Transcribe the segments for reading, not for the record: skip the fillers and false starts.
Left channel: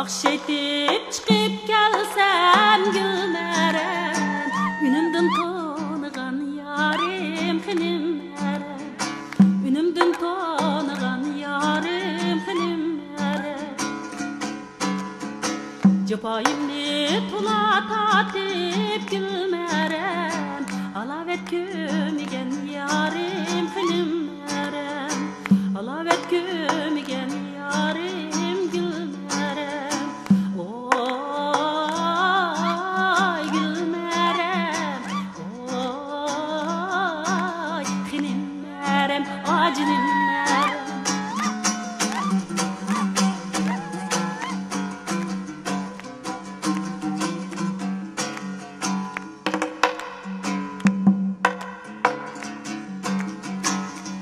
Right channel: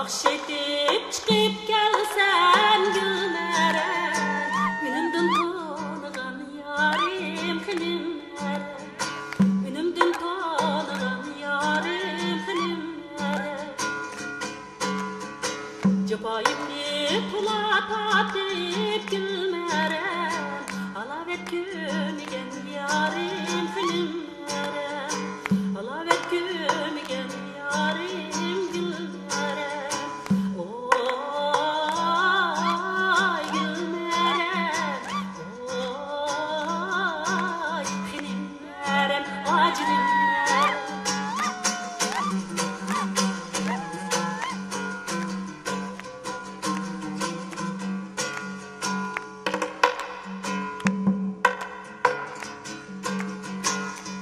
Akşetip çıkıp gelsen gülmerem, Ünümdün tanıgan yarim hınimmerem, Ünümdün tanıgan yarim hınimmerem. Cepayimni tula tatip gülmerem, Alavet kömigen yarim hınimmerem, Alavet kömigen yarim gülmerem. Oy gülmerem, oy hınimmerem, acınimmerem.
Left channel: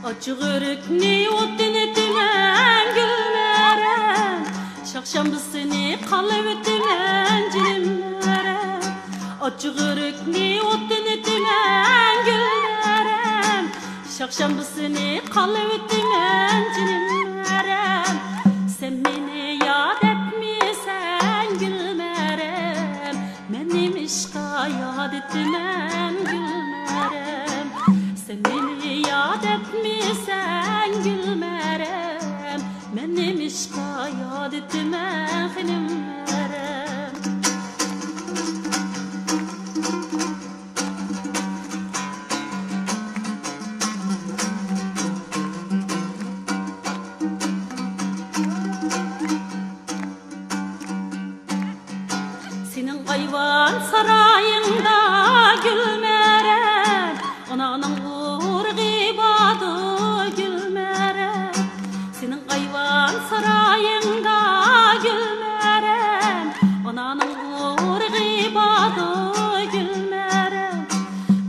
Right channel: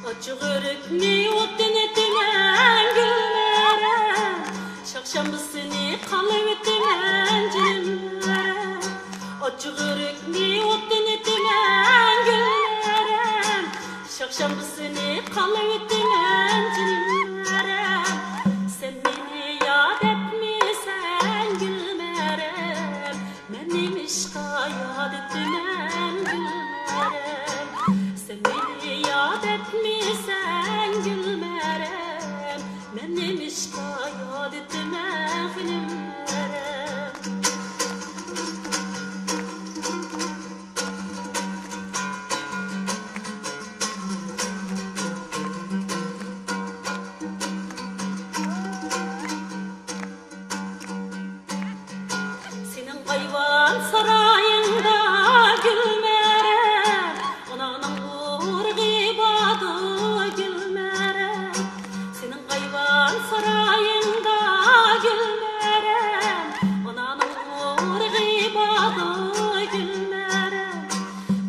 Açık örükni otun etimen gülmerem, Şakşambısını kalıp etimen cilimmerem. Açık örükni otun etimen gülmerem, Şakşambısını kalıp etimen cilimmerem. Sen beni yad etmişsen gülmerem, Menim işka yad etmem gülmerem. Sen beni yad etmişsen gülmerem, Menim işka yad etmem hınimmerem. Senin kayvan sarayında gülmerem, Ananın urgibadı gülmerem. Senin kayvan sarayında gülmerem, Ananın urgibadı gülmerem.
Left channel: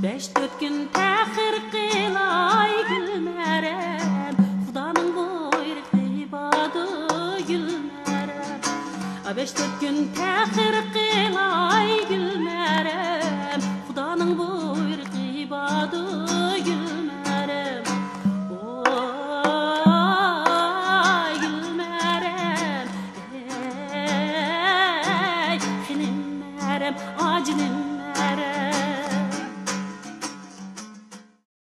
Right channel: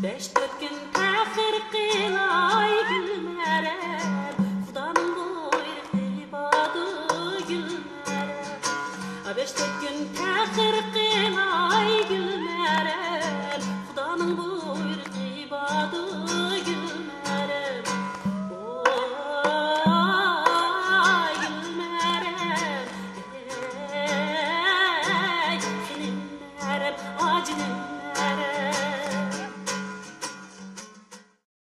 5-4 gün tehir kılay gülmerem, Xudanın buyruğibadı gülmerem. 5-4 gün tehir kılay gülmerem,